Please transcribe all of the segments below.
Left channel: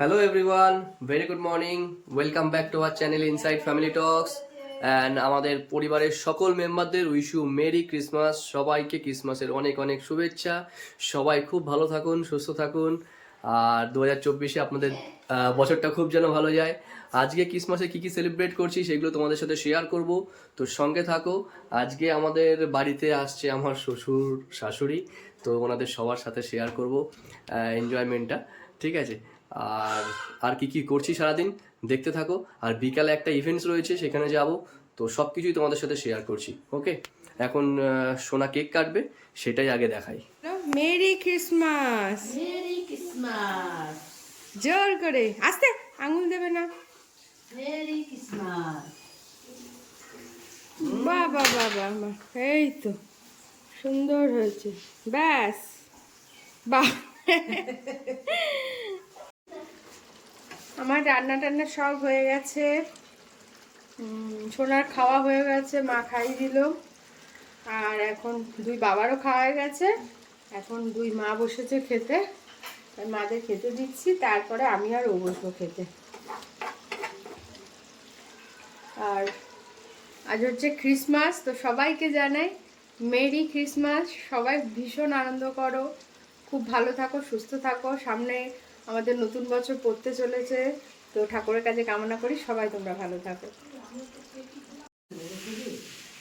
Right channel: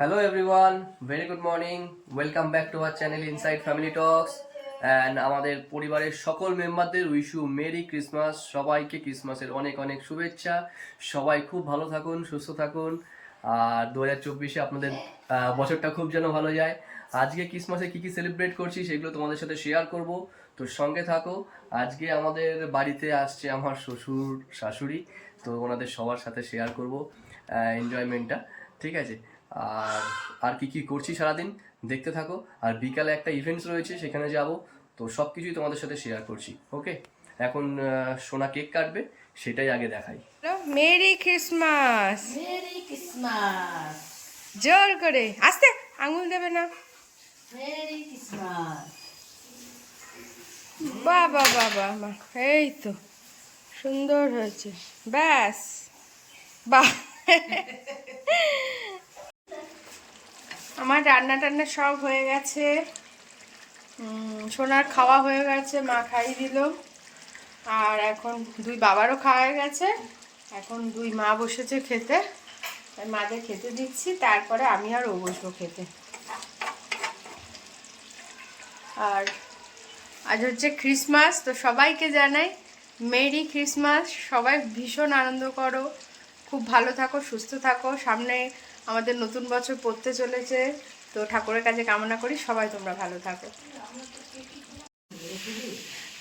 Hello everyone, very good morning. Welcome back to our channel Inside Family Talks. And আমাদের পরিবারের সকল মেম্বারদের wish you merry Christmas সবাইকে ক্রিসমাসের অনেক অনেক শুভেচ্ছা। সবাই খুব ভালো থাকুন সুস্থ থাকুন। আর দু হাজার চব্বিশে আপনাদের বছরটা খুব যেন ভালো যায়। আজকে ক্রিসমাসে কী কী সেলিব্রেট করছি সেগুলো তোমাদের সাথে শেয়ার করব। তো সঙ্গে থাকো। আজকে আমাদের বাড়িতে আসছে আমার শ্বশুর শাশুড়ি। তো ওনাদের সবার সাথে শেয়ার করব এনজয়মেন্টটা ঠিক আছে? আর আর কি কি করছি সারাদিন? দেখতে থাকো। আর বিকালে একটা ইভেন্টস রয়েছে সেখানে যাব। তো সব কিছুই তোমাদের সাথে শেয়ার করছি ওকে এখন সোনা কেক কাটবে সেটাই আগে দেখাই। মেরি ক্রিসমাস মেরি ক্রিসমাস জোর করে। আস্তে আঙুল দেবে না। মেরি ক্রিসমাস বাবা বাবা মা এই তো সুন্দর হয়েছে। ব্যাস। বাহ। আমার রান্না টান্না সব হয়ে গেছে। সোনার খাওয়া হয়ে গেছে, মা খাইয়ে দিল। আর এখন দুই বাবারও খাওয়া হয়ে গেছে। এখন দুই মা বসেছে খেতে। তাই মাদের খেতে দিচ্ছি, তারপরে আমি আর ও বসবো খেতে। আর আজ হচ্ছে ক্রিসমাস, তো সবাইকে জানাই, মেরি ক্রিসমাস। সবাই ভীষণ আনন্দ করো। খুব ভালো থাকো, সুস্থ থাকো। সামনে আমাদের নতুন বছর পড়তে চলেছে। তো ঠাকুরের কাছে কামনা করি সবাই তোমরা ভালো থাকো।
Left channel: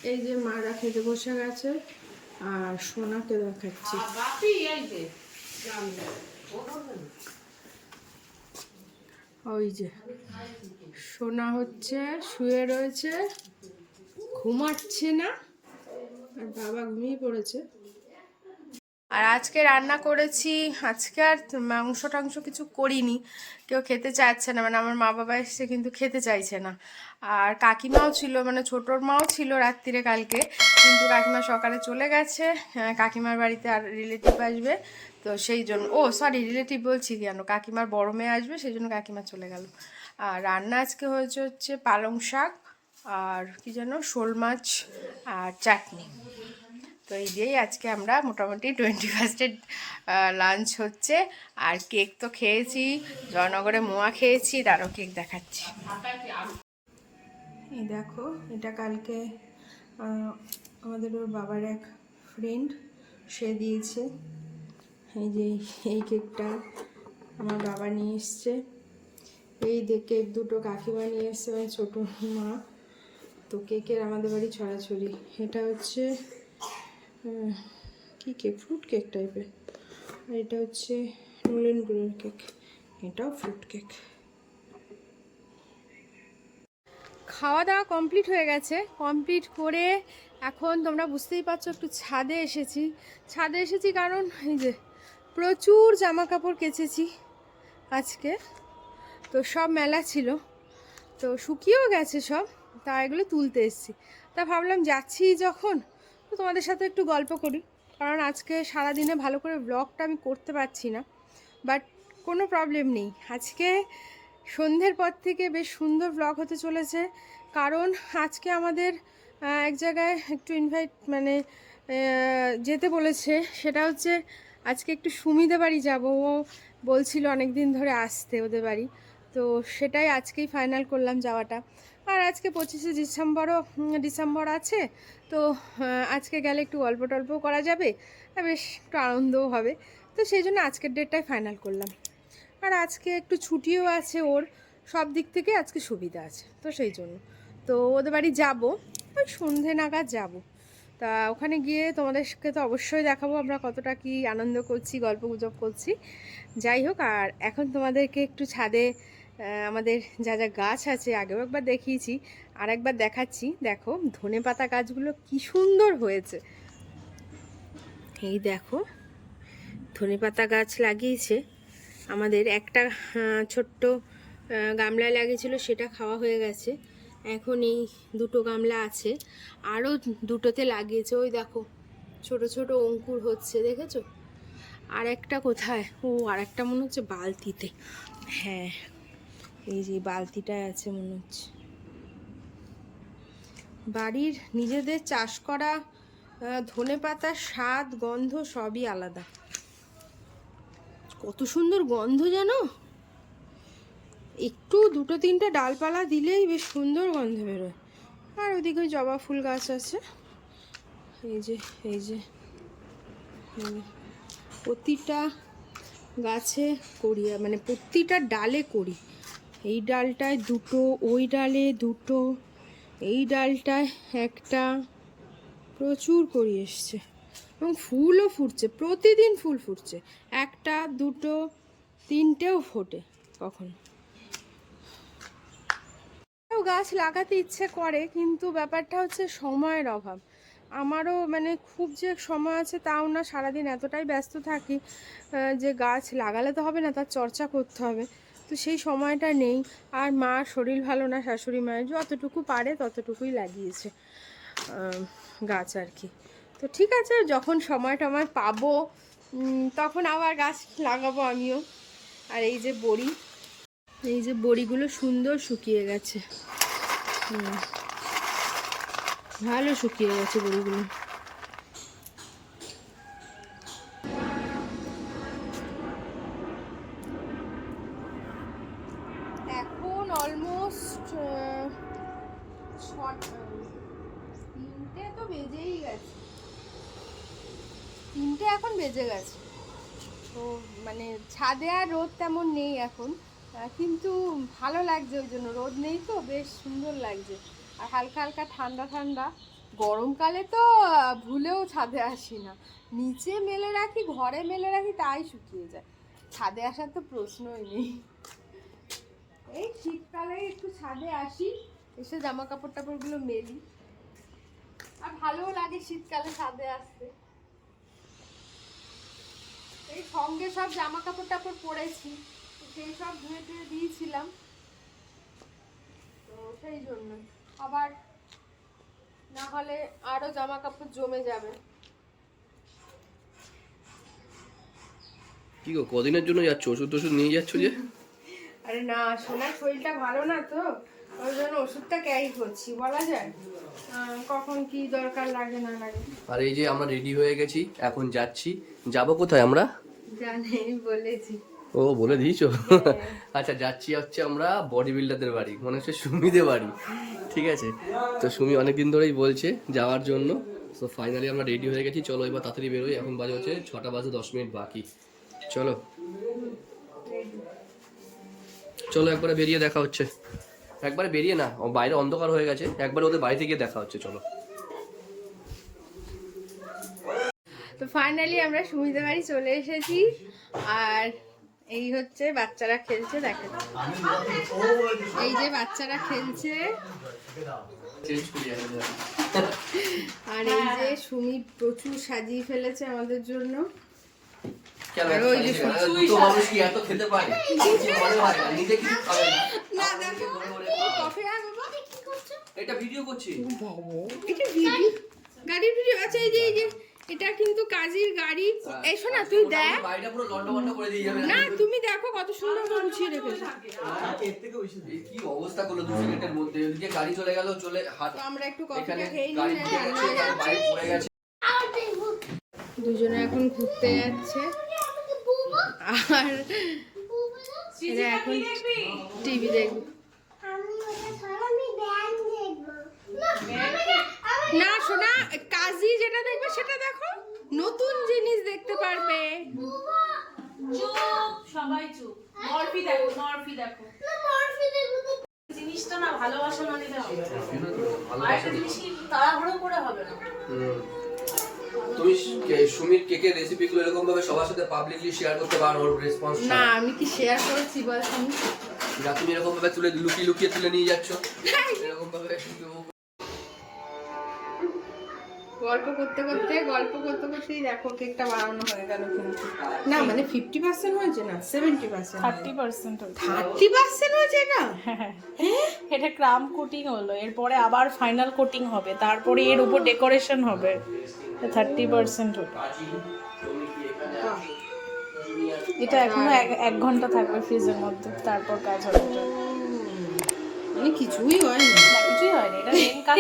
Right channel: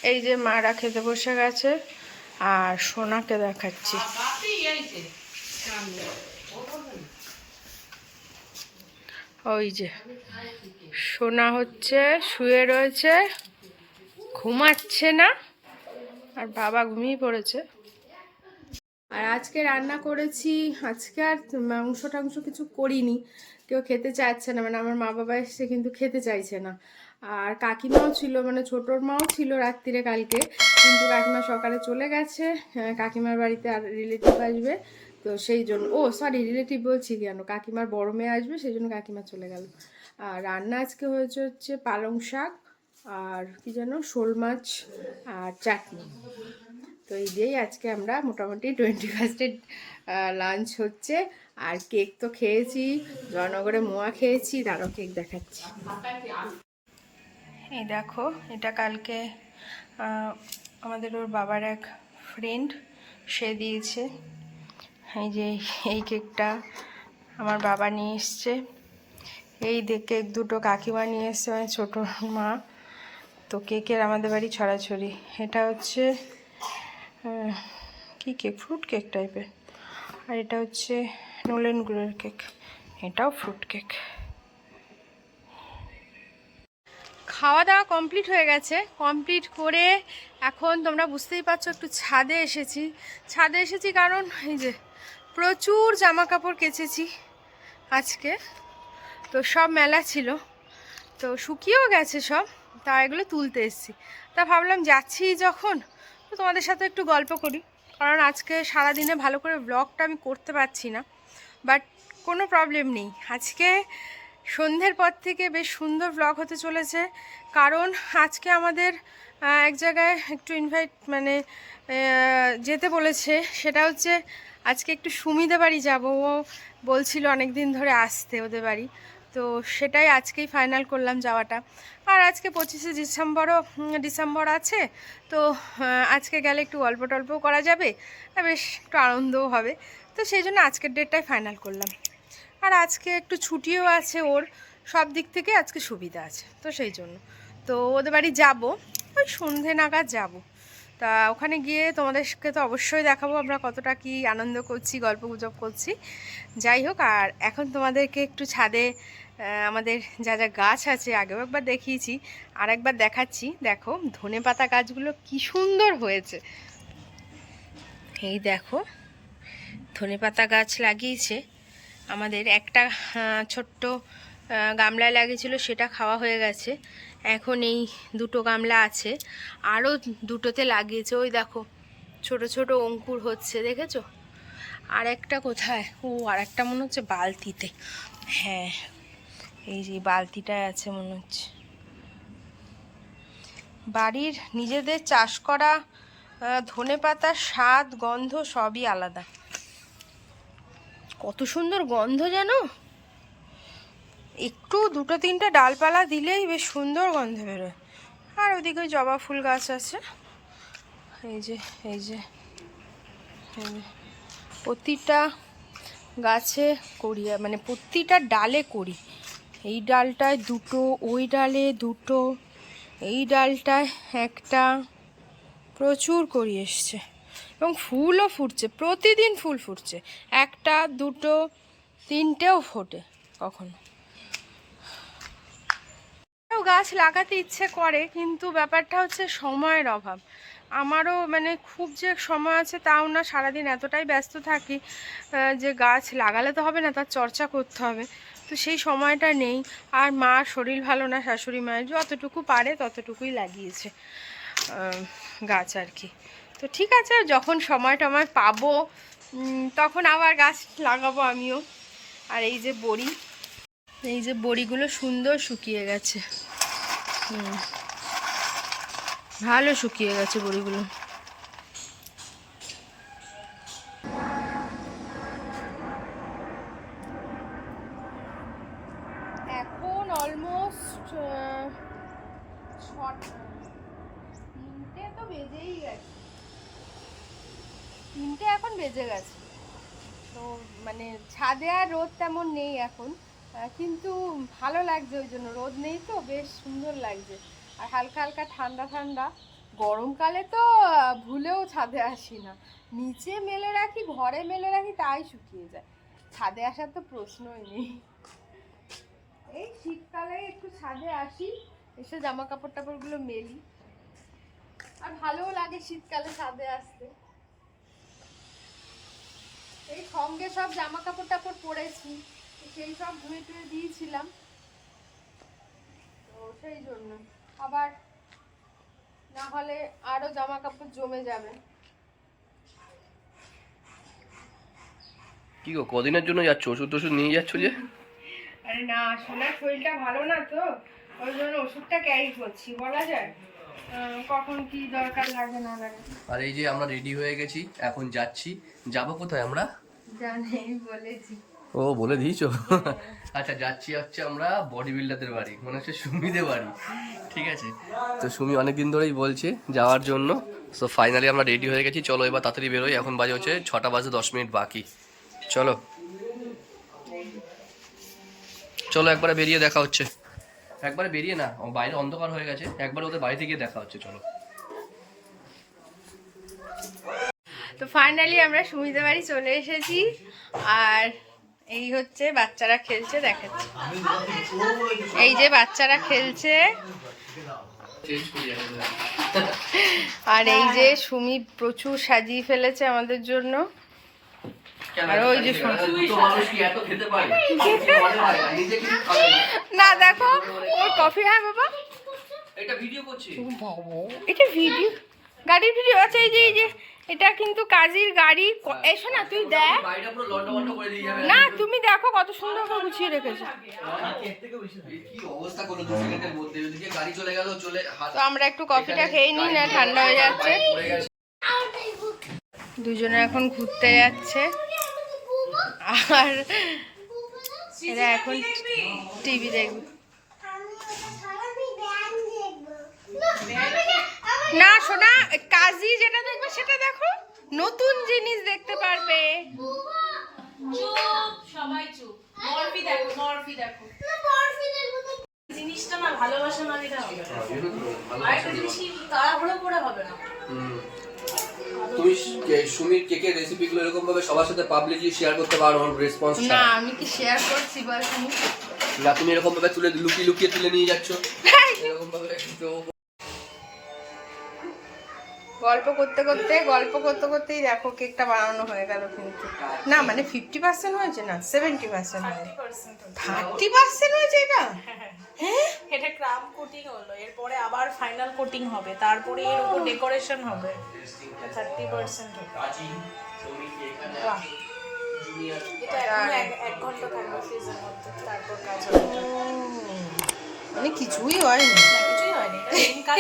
এই যে মারা খেতে বসে গেছে, আর সোনাকে দেখাচ্ছি। ওই যে, সোনা হচ্ছে, শুয়ে রয়েছে, ঘুমাচ্ছে না, আর বাবা ঘুমিয়ে পড়েছে। আর আজকে রান্না করেছি, আজকে আর মাংস টাংস কিছু করিনি। কেউ খেতে চাইছে না মানে আমার মা বাবা এসে কিন্তু খেতে চাইছে না। আর কাকিমাও ছিল মানে ছোটোর মাও ছিল রাত্রিরে কালকে, কিন্তু কাকিমা সকালে চলে গেছে কাকিমার বাড়িতে আর রিলেটিভ আসবে, তো সেই জন্য, ও সরি রিলেটিভ বলছি কেন? কাকিমার বড় মেয়ে আসবে, সেই জন্য কাকিমা চলে গেল। আর রান্না আজকে হয়েছে হচ্ছে পালং শাক, আর কি যেন, শোল মাছ আর চাটনি। তো এই দিয়েই আজকে আমরা মোটামুটি টোয়েন্টি ফার্স্টের লাঞ্চ হচ্ছে। আর কেক তো খেয়েছি, জয়নগরে মোয়া খেয়েছি, তারও কেক দেখাচ্ছি। এই দেখো, এটা কালকে আমাদের ওর বাবার এক ফ্রেন্ড সে দিয়েছে। এই যে এই কেকটা আমার বাবা নিয়ে এসছে। এই দে- কেক দুটো কাকিমা নিয়ে এসছে মানে ছোটো মা। তো কেকের আমাদের বাড়ি ছড়াছড়ি। এটা হচ্ছে কি কেক ফ্রুট কেক টাইপের আর এটা হচ্ছে নোলেন গুড়ের কেক এটাও ফ্রুট কেক খাওয়া দাওয়া কমপ্লিট হয়ে গেছে। কমপ্লিট করে এখন তোমরা বুঝতেই পারছ একটু ছাদে এসেছি। ছাদে এসেছি কারণ এই যে প্রচুর জামা কাপড় কেচেছি আজকে। তো সব মেলা ছিল। তো শুকিয়েও গেছে সব। তা এগুলো তুলতে এসেছি। তা ভাবলাম যাচ্ছি যখন। তো তোমাদের সাথে একটু গল্প করি। কারণ আজকে সারাদিনে ভালো করে ব্লগটা আমি করতে পারছি না। বাট কোনো প্রবলেম নেই। আজকে সন্ধ্যের পর থেকে বেশ সুন্দর ব্লগ হতে চলেছে। কারণ আজকে আমাদের এক জায়গায় একটু ইনভাইট মানে যেতে বলেছে। সেটা হচ্ছে, আজকে একটু সুমিদে বাড়ি যাব। ও বলছিল অনেক দিন ধরে আসতে ওদের বাড়ি। তো সেটাই আজকেই ফাইনাল করলাম যাওয়াটা। আর আজকে পঁচিশে ডিসেম্বরও ডিসেম্বর আছে, তো আজকে গেলে একটু অল্প টল্পও করা যাবে বেশ একটু আনন্দও হবে। তো সেই জন্য আজকের ডেটটাই ফাইনাল করলাম। আর আজকে একটু ছুটিও আছে ওর, সব দিক থেকে আজকে সুবিধা আছে, তো সেই জন্য। তো ওদের বাড়ি যাব, ওই সন্ধে নাগাদ যাব। তা ওখানে গিয়ে তোমাদেরকে তো অবশ্যই দেখাবো আমরা কতটা কি আনন্দ করছি, গল্প গুজব করছি। যাই হোক, আর এখন তোমাদেরকে একটু ছাদে আমাদের যা যা গাছ আছে, আগেও একবার দেখিয়েছি আর একবার দেখাচ্ছি। দেখো, ধনে পাতা গাছগুলো কি সুন্দর হয়েছে। এই দেখো, ধনে পাতা গাছ লাগিয়েছে। আমাদের একটা ছোট্ট গামলায় লাগিয়েছিল, সেটা খাওয়া হয়ে গেছে। এখন এই দুটো গামলা আছে। আরও দুটোতে লাগিয়েছে। ওই দেখো, ছোট ছোট অঙ্কুর হচ্ছে, দেখেছ? আর একটা কোথায়? ও আর একটা মনে হচ্ছে বালতিতে। হ্যাঁ এই যে বালতিটায় আছে মনে হচ্ছে। বাড়ির নিজেদের চাষ করা ধনে পাতার স্বাদ, গন্ধ সবই আলাদা। কত সুন্দর গন্ধ জানো? একটু দুটো তিনটে ডালপালা দিলেই বেশ সুন্দর গন্ধ বেরোয়। আর ওদিকে জবা ফুল গাছ আছে। এই যে এই যে, প্রতিটা গাছে করি মানে প্রতিটা ডালে করি। এই ডালটায় দুটো, ওই ডালে দুটো, এই ডালটায় একটা। প্রচুর করি এসছে এবং ফুলও ফুটছে, প্রতিদিন ফুল ফুটছে। একটা, দুটো, তিনটেও ফোটে কখনো। গাছ লাগাতে ইচ্ছে করে, কিন্তু ব্যাপারটা হচ্ছে সময়ের অভাব। আমারও মানে খুব যে সময় আছে তাও না, সারাদিন এতটাই ব্যস্ত থাকি যে গাছ লাগালে তো হবে না, তার চর্চা করতে হবে। তো সেই সময়টা নেই। আর মা শরীর ভালো না, শাশুড়ি মায়ের যতটুকু পারে ততটুকুই লাগিয়েছে গাছ আর কি। তো ঠিক আছে, যখন সময় টময় পাবো তখন আবার গাছ লাগাবো আমিও। আর এই যে বড়ি, এই যে বড়িগুলো সুন্দর শুকিয়ে গেছে। ভালো শুকিয়ে গেছে বড়িগুলো। তিনটে তো বেজেই গেছে। তিনটে এখন বেজে গেছে। তো মানে ছাদে আর রোদ তেমন নেই এখন। কিন্তু ভালো লাগছে ওই জন্য। রোদ নেই তো, বেশ সুন্দর লাগছে। আর হালকা হালকা ঠান্ডা ঠান্ডা। গরমকালে তো ভুলেও ছাদে আসি না। নিচে মেলে রাখি, ঘরে মেলে রাখি, তাই শুকিয়ে যায়। ছাদে আসার তো প্রশ্নই নেই। এই শীতকালে একটু ছাদে আসি। এসে জামা কাপড় টাপড়গুলো মেলি। আর ভালোও লাগে শীতকালে ছাদে আসতে। এই সঙ্গে সব জামা কাপড় টাপড় পরেছি তো সেই সব ধুয়ে টুয়ে দিয়েছিলাম। তো সেই জন্য। আবার না হলে আরও জামা কাপড় জমে যাবে। কি গো কদিনের জন্য যাচ্ছ? ওষুধ টষুধ নিয়ে যাচ্ছ যে? আরে না সোনার শরীরটা ভালো না তো? ওই জন্য ওষুধটা ক্যারি করছি বলা যায়? কখন কি দরকার লাগে না লাগে? আর এই যে আমরা রেডি হয়ে গেছি এখন যাচ্ছি। যাব কোথায় আমরা? জানি বলেছি। ও বলে দিয়েছ? আচ্ছা যাচ্ছি হচ্ছে আমরা বডি বিল্ডারদের বাড়ি মনে হচ্ছে সুমিদের বাড়ি। ঠিক আছে? তো সুমি অনেকদিন ধরেই বলছে যাওয়ার জন্য। সো ফাইনালি আমরা রেডি হয়ে গেছি। চলো এবার তাড়াতাড়ি বেরোই। এখন বাজে হচ্ছে ছটা বাজে দশ মিনিট বাকি। চলো। চলো একবারে বেরিয়ে দেখা হচ্ছে। একবারে বেরিয়ে না, ও বাইরে অন্ধকার হয়ে গেছে, একবার ওদের বাড়িতে গিয়ে দেখা হচ্ছে, চলো। তো ফাইনালি আমরা সুমিদের বাড়ি চলে এসেছি, আর এই হচ্ছে বাচ্চারা খেলছে, দেখাচ্ছি। এই যে বাচ্চারা খেলছে। আর এই যে সুমি প্রচুর সাজিয়ে ফেলেছে আমাদের জন্য। আর ওই যে দুটো মানুষ কি এত খেতে পারে? না, নিজে কিছু খাবে না। না দেখো ওর কফি হ্যাঁ বাবা। এটা ভিডিও করছি। এটা ভিডিও গাড়ির ভিডিও আছে এই যে এই যে এটা কিন্তু কাজীর গাড়ি। এসো না তুই দেখ। না তুমি দেখো কত সুন্দর করে গুছিয়ে রেখেছো। তো আমরা একটু কফিটা খেয়ে নিই না ঠান্ডা হয়ে যাচ্ছে। দুজনে এখন ঘুরতে যাচ্ছে। আর এরা এখন টিভি দেখবে। না শোনা কাজী যেটা দেখবে সেটা দেখো। নতুন জিনিস দেখতে পারবে। চুপ সবাই চুপ। মরফি দেখো মরফি দেখো। জিনিসটা না ভালোবাসা না। দিলে হবে না। জিনিস কি তাড়াহুড়ো করে হবে না? হুম। তুমি কে- সুমির কেকের রেসিপিগুলো এরকম ভাবে সবার সাথে পাবলিকলি শেয়ার করতে পারো ওর রেসপন্স না আমি কি শেয়ার করছি বল না তুমি এরকম ভাবে তুলে লুকিয়ে লুকিয়ে তুলে নিয়ে যাচ্ছ। এরকম ভাবে গল্প করতে করতে গল্প করতে করতেই দেখো কেকটা বানানো হয়ে গেল কিন্তু। না মানে ফিফটি পার্সেন্ট হয়েছে না seventy percent thirty percent thirty percent হয়েছে এটা? এটা ক্রাম কোটিং হলো এরপরে আবার ফাইনাল কোটিং হবে তারপরে এর উপর ডেকোরেশন হবে। থার্টি পার্সেন্ট এটা এখন এক- এক ঘণ্টা থাকবে ফ্রিজের মধ্যে তারপর কাজ মানে কিছুই হয়নি। কিছুই হয়নি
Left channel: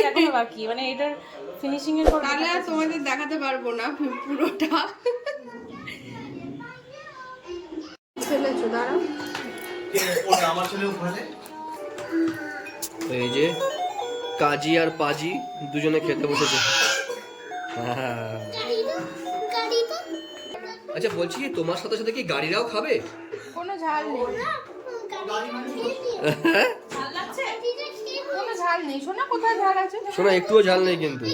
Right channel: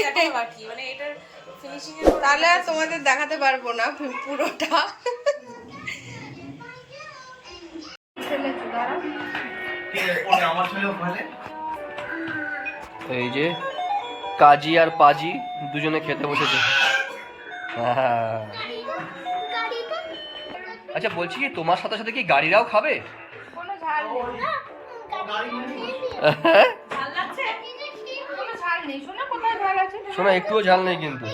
এটা বাকি মানে এটার ফিনিশিং এর তাহলে আর তোমাদের দেখাতে পারব না পুরোটা। এই যে কাজী আর পাজি দুজনে খেতে বসেছে। হ্যাঁ। আচ্ছা বলছি কি তোমার সাথে সাথে কি গাড়িরাও খাবে? কোনো ঝাল নেই। শোনা একটুও ঝাল নেই কিন্তু।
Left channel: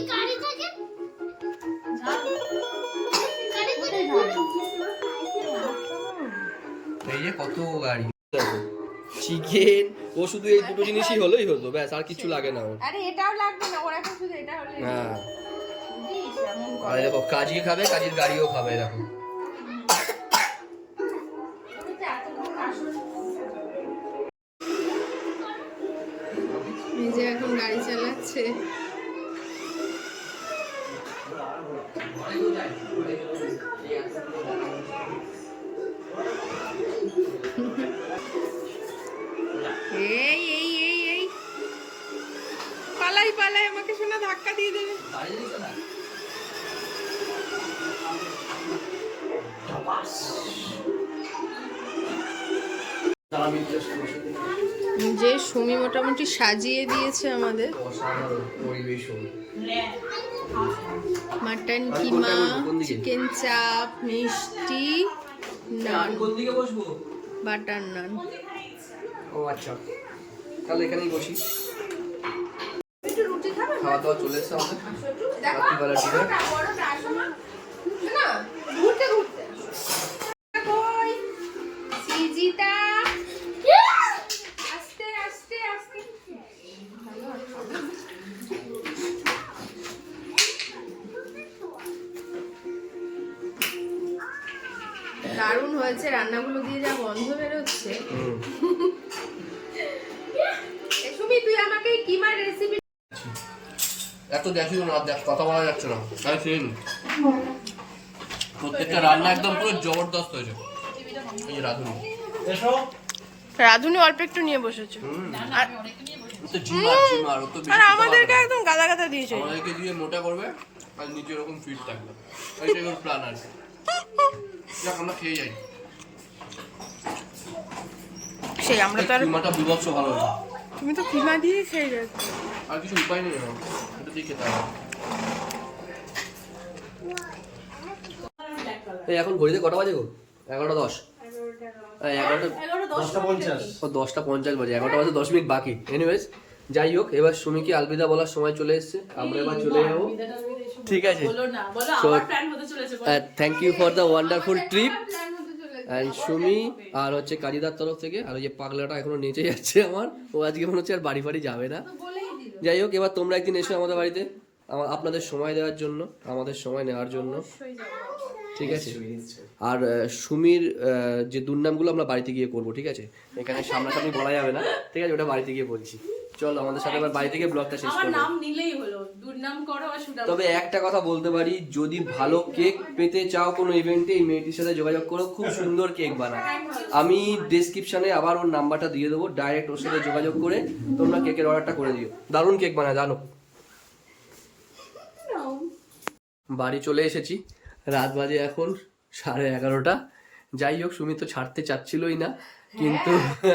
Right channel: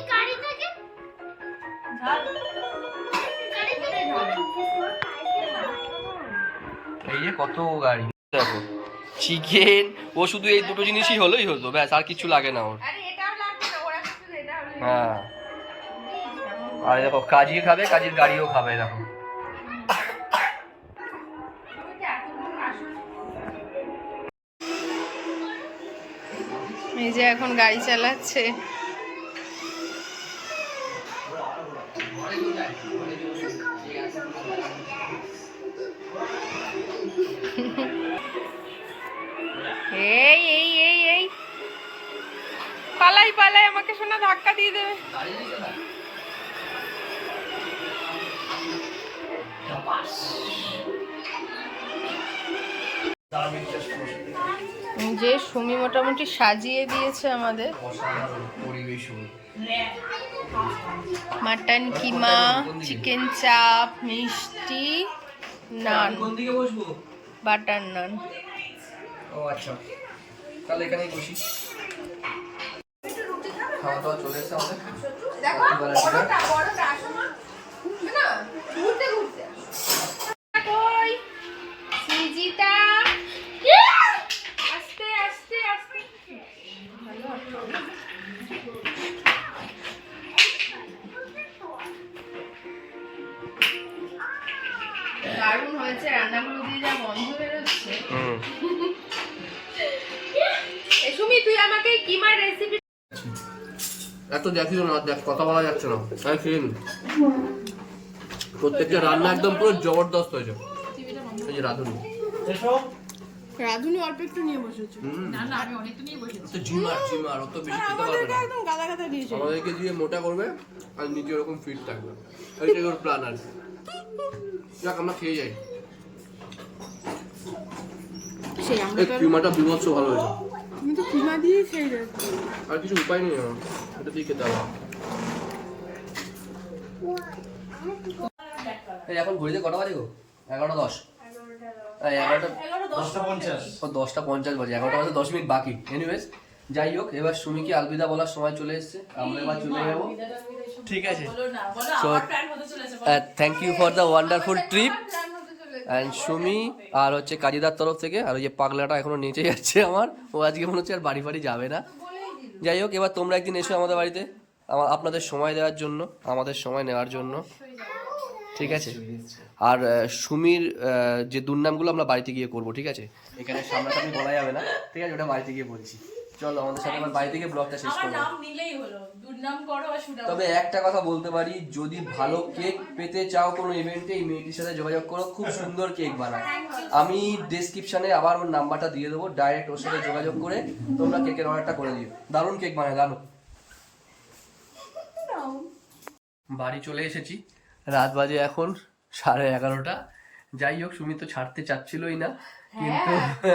এই যে কত গাড়ি। দেখো চিকেন ও শুধু এই দুটো জিনিসই হলোই হতো ব্যাস আর কিছু লাগে না ওর। আরে এটাও লাগবে না ওরা এখন শুধু এটা হলে হ্যাঁ। আর দেখো কাজী খাবে কাজীর গাড়িও খাবে দেখো। যে এখন গাড়ি চালাচ্ছে। এই এই এই এই। পালাই পালাই, আমাকে শোনা ধাক্কা দিয়ে দেবে। যে সুমি মোটামুটি সাজিয়ে দিয়েছে আমাদের। মাটন কিমা চিকেন চাপ মিষ্টি নান। বাটার নান। ও আচ্ছা। তাহলে এখানেই বসি। খাওয়া দাওয়া চলে এসছে আমাদের। রাত্রিবেলার ডিনার। হয়েছে রান্নাগুলো দিয়ে যা গন্ধ বেরোচ্ছে। সুমি তুই আমাকে কিমার রেসিপি এত দেখিও না দেখ কথা বলা যাচ্ছে না। খেয়ে প্রত্যেকটা রান্না একদম পুরো জবরদস্ত হয়েছে। এই যে রাঁধুনি। রাধুনি অল্প একটু নিয়ে বসেছো। আর আমাদেরকে একদম গাদা গাদা দিয়েছে। আমাদেরকে দিয়ে মোটা করবে আর নিজে এরকম ফিট থাকবে। ওর প্ল্যান যাক আমরা খেয়ে যাই। সেই আমরা তো আর কিমাটা বিভৎস ভালো হয়েছে। তুমি তো কিমা দিয়ে খেয়ে যাচ্ছ। আর কিছু উপায় নেই এটা দিয়ে খেতে হবে। এই এখন ঘড়িতে কটা বাজে গো? এগারোটা দশ। এগারোটা দশটা পঞ্চাশ। বাজে এগারোটা বাজে দশ মিনিট বাকি। এনিওয়েজ যাই হোক এবার সুমিকে আলবিদা বলার সময় চলে এসছে। আমরা এবার চলে যাব। ঠিক আছে। So, thank you for the wonderful trip and Sumi আর হচ্ছে কাজীদার তরফ থেকে, আর ওই যে পাগলাটা এখনও নিচে যাচ্ছে আমার, ও আজকে মনে হচ্ছে আর বাড়ি ফাড়ি যাবে না। যাই হোক, এবার তোমরা একদিন এসো আমাদের বাড়িতে আমার আপনাদের সময় দেওয়ার জন্য, আমাদের সময় নেওয়ার জন্য। ঠিক আছে? আর সুমির যে দুর্নামগুলো আমরা বাড়িতে গিয়ে করব, ঠিক আছে? এখানে সামনাসামনি বলা যাবে না, ঠিক আছে? ওটা বাড়িতে গিয়ে বলছি। চলো, আমাদের সাথে আবার বাড়ি থেকে ব্লগটা শেষ করব। করো আর সুনাম তবে একটা কথা বলতে পারি যদি ভালো কেক পেতে চাও কোনো ইভেন্টে এই মেয়েটির সাথে যোগাযোগ করো খুব সুন্দর কেক বানায়। আমি ডেসক্রিপশনে আবার ওর নাম্বারটা দিয়ে দেবো ডাইরেক্ট ওর সাথে যোগাযোগ করে তোমরা কেকের অর্ডারটা করে দিও। দারুণ কেক বানায় জানো? বাড়ি চলে এসেছি রাত বাজে এখন সাড়ে এগারোটা। যাই হোক সুমি তো ছাড়তে চাচ্ছিলই না কিন্তু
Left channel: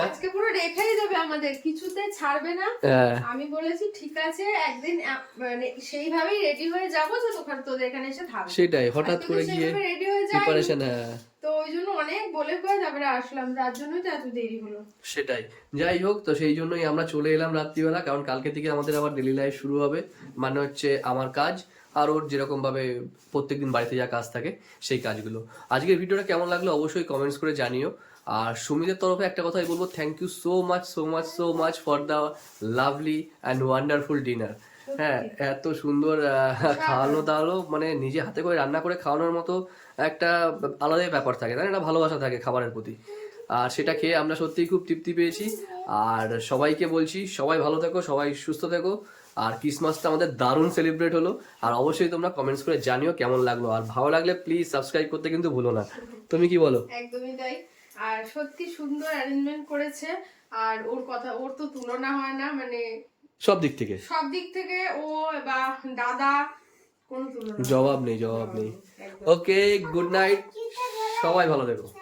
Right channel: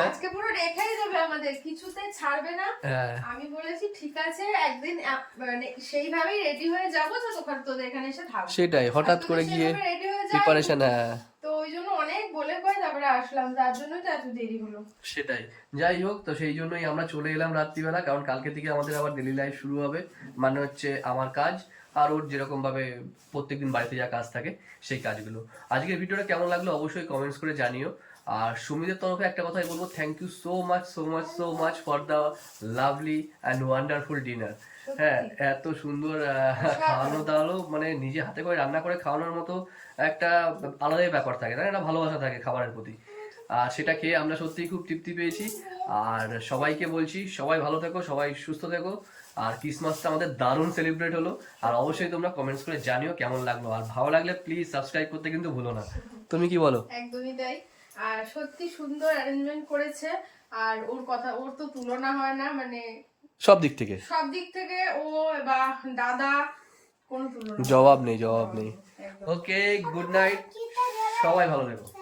আজকে পুরো রেখাই যাবে আমাদের কিছুতে ছাড়বে না। হ্যাঁ, আমি বলেছি ঠিক আছে একদিন মানে সেইভাবেই রেডি হয়ে যাব যে তোখানে তোদের এখানে এসে থাকব। সেটাই হঠাৎ করে গিয়ে প্রিপারেশন হ্যাঁ তো ওই জন্য অনেক বলে করে তারপরে আসলাম যার জন্যই তো এত দেরি হলো। সেটাই যাই হোক তো সেই জন্যই আমরা চলে এলাম রাত্রিবেলা কারণ কালকে থেকে আমাদের আবার ডেলি লাইফ শুরু হবে মানে হচ্ছে আমার কাজ। আর ওর যেরকম ভাবে প্রত্যেকদিন বাড়িতে যা কাজ থাকে সেই কাজগুলো। আজকের ভিডিওটা কেমন লাগল অবশ্যই কমেন্টস করে জানিও। আর সুমিদের তরফে একটা কথাই বলব thank you so much so much so much for the lovely and wonderful dinner হ্যাঁ এত সুন্দর খাওয়ানো দাওয়ানো মানে নিজে হাতে করে রান্না করে খাওয়ানোর মতো একটা আলাদাই ব্যাপার থাকে তাই না? ভালোবাসা থাকে খাবারের প্রতি। আর সেটা খেয়ে আমরা সত্যিই খুব তৃপ্তি পেয়েছি। আর সবাইকে বলছি সবাই ভালো থেকো সবাই সুস্থ থেকো। আর ক্রিসমাসটা আমাদের দারুণ সেলিব্রেট হলো। আর অবশ্যই তোমরা কমেন্টস করে জানিও কেমন লাগল। আর ভালো লাগলে প্লিজ সাবস্ক্রাইব করতে কিন্তু ভুলো না। তুমি কি বলো? একদমই তাই। আর সত্যি সুন্দর অ্যারেঞ্জমেন্ট করেছে। আর ওর কথা ওর তো তুলনা হয় না মানে সব দিক থেকে। সব দিক থেকে ও বা দাদা কোনো তুলনা জবাব নেই জবাব নেই। ওকে গুড নাইট সবাই ভালো থেকো।